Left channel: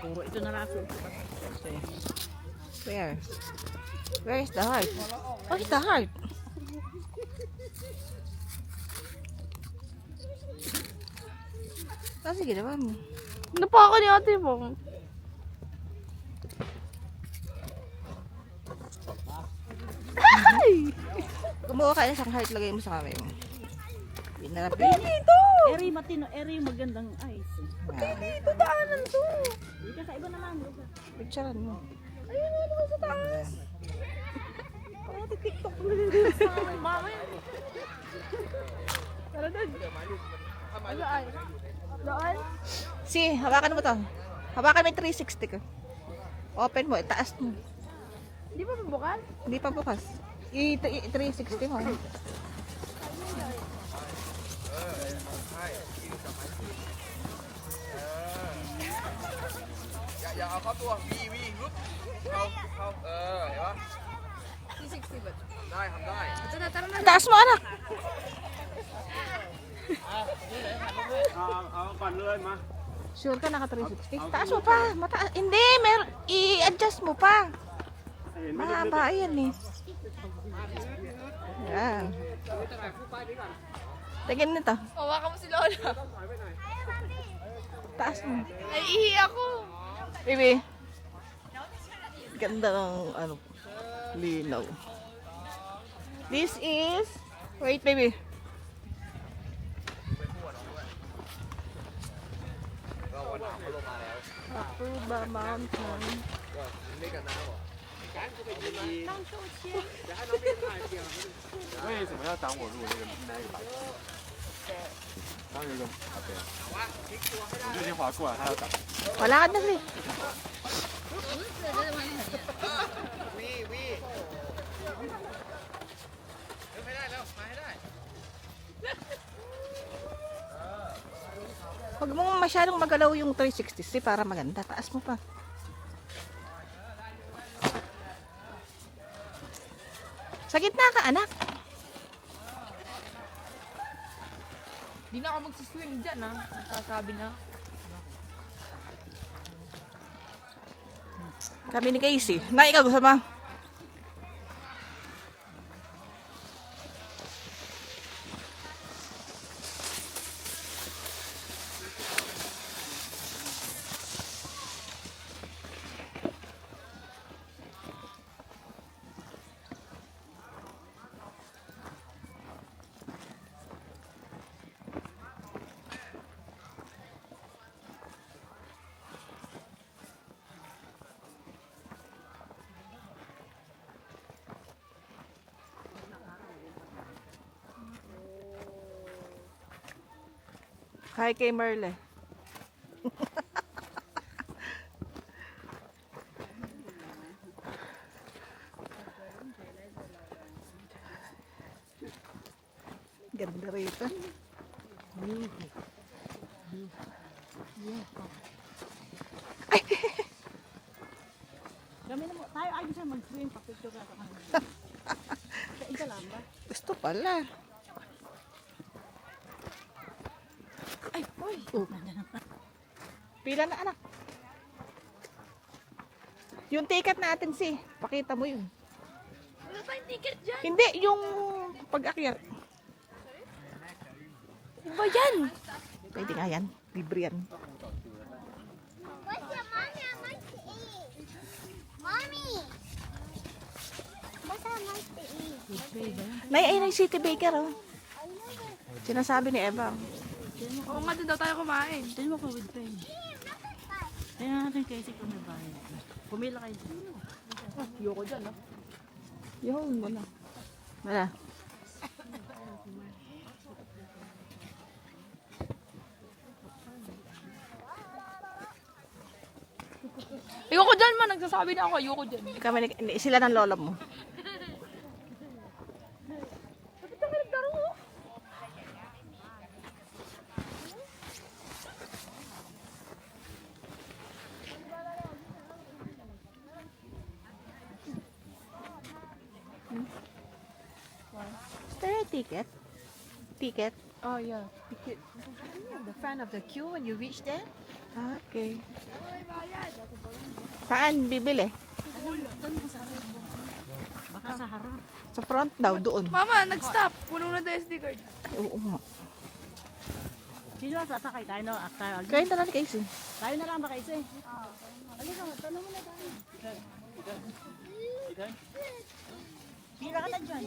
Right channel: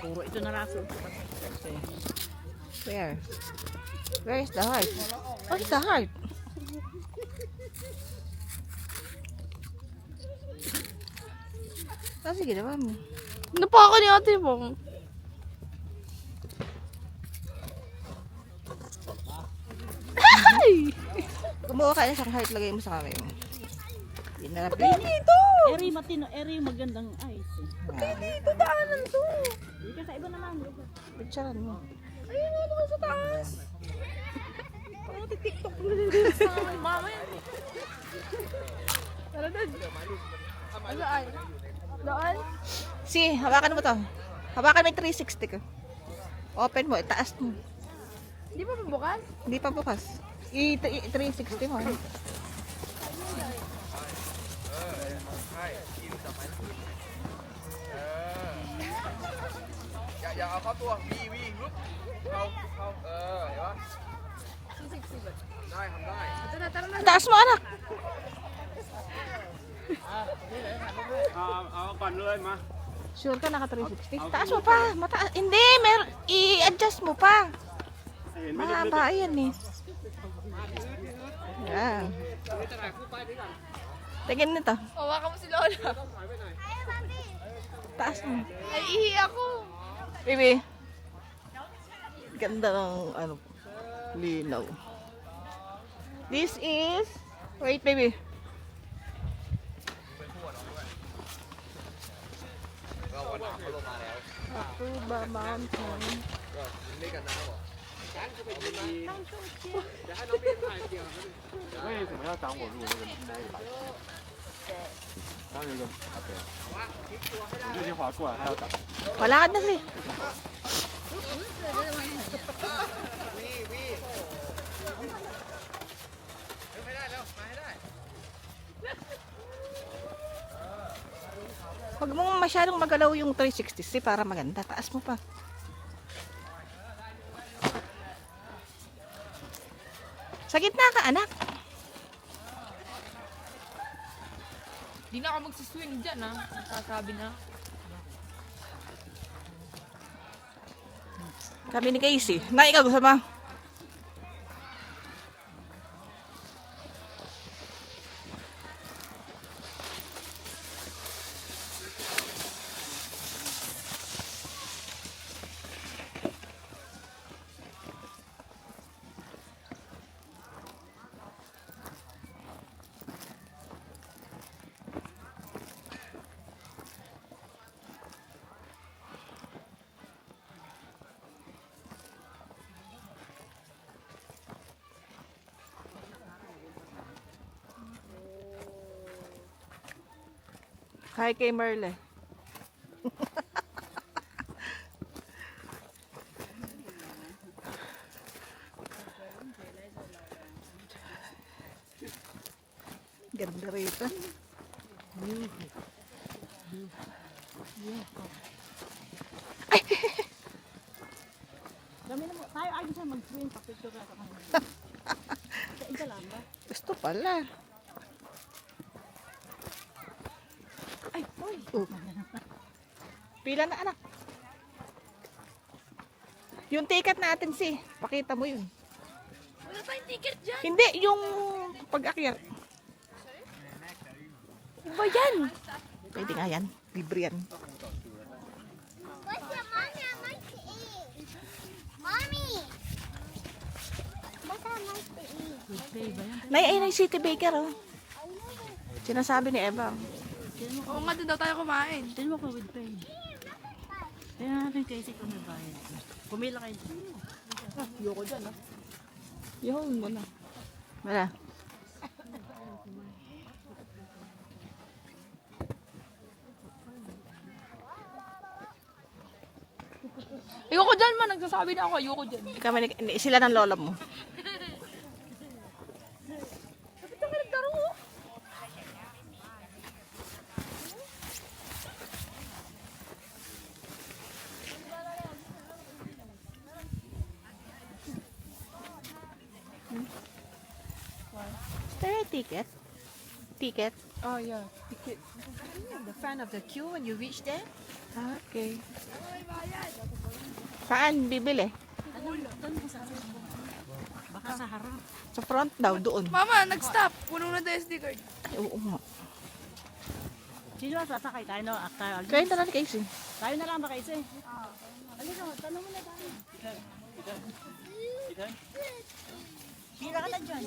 Puro ito na raso. Where? Where is the heart? What is the heart? Kasi ginawa mo. Napaka ni ate mo. Kumuha ka na isang heart, lagay mo sa kamay mo. Pinarapin. Eri matino, eri magandang ice. Ito Daanan to. Hindi ka kaiba naman. picturean mo. Ayun na mga sa taas. Ang TikTok mo. Tara doon. Baan? Si, hawakan mo to. Hawakan mo yung 360 ko. Open mo, itaas mo. Di ba bukas? Hindi pa bukas. I-360 mo. Dạ có tua vi rút không không hiểu không? Đây không đây. Taas mo, anak. Còn lên mà. Sure ka naka 360? Taas mo pa. Mataas. Hindi, i-adjust mo pa. Mahaba yan eh. Yan. Tingin nito. Hawakan mo si Lola. Taas mo. Ay, ihi ako. Baby. Ganda ng ano, linaw. This is, wait baby. Akuba Mountain. Walakad na siya. Huwag mong masyadong magalaw yung 360 para maganda. Taas mo pa. Sa gitna ka, anak. Di na ako magsiswing dyan, ha? Sasabi na. Kami ni Casey. Na ikaw gusto mo? Hi kay Merle. Ganda rito. Kami na mo. Tayo ay siya mag-swing. Papicture ka kanina. Sa isa lang ba? Gusto pala. Ay, uy. Oh. Pila na anak. Yung ticket natin pakita mo yun. Wala pa yung ticket dyan. Hindi, yung pag-akyat. Ano ba yan? Pwede nga yan. Libre yan. Nay, City Baker, oh. Sinasabi ni Eva. Oo nga, doon daw tayo kumain. Tingnan mo ko with pain. Tingnan natin kasi kung may bayad. Pumila kayo. Yoko dyan, ha? Yun mo na. Wala. Ayoko dyan man, nagsasabi na ako, ayoko dyan. Sila ng lolo mo. Is there a ticket? Ticket? Oh yeah. The front of the queue when you reach there. Okay. Saan bibili? Baka sa harap. Sa front daw, doon. Mama, nag-stop. Puno na tayo SD card. Ay, oo nga. Sino ang sasakay? Tayo na, after. Kaya na lang Casey. Tayo na lang ba kayo? Ano na, tanong mo na tayo. Sino ka na dyan?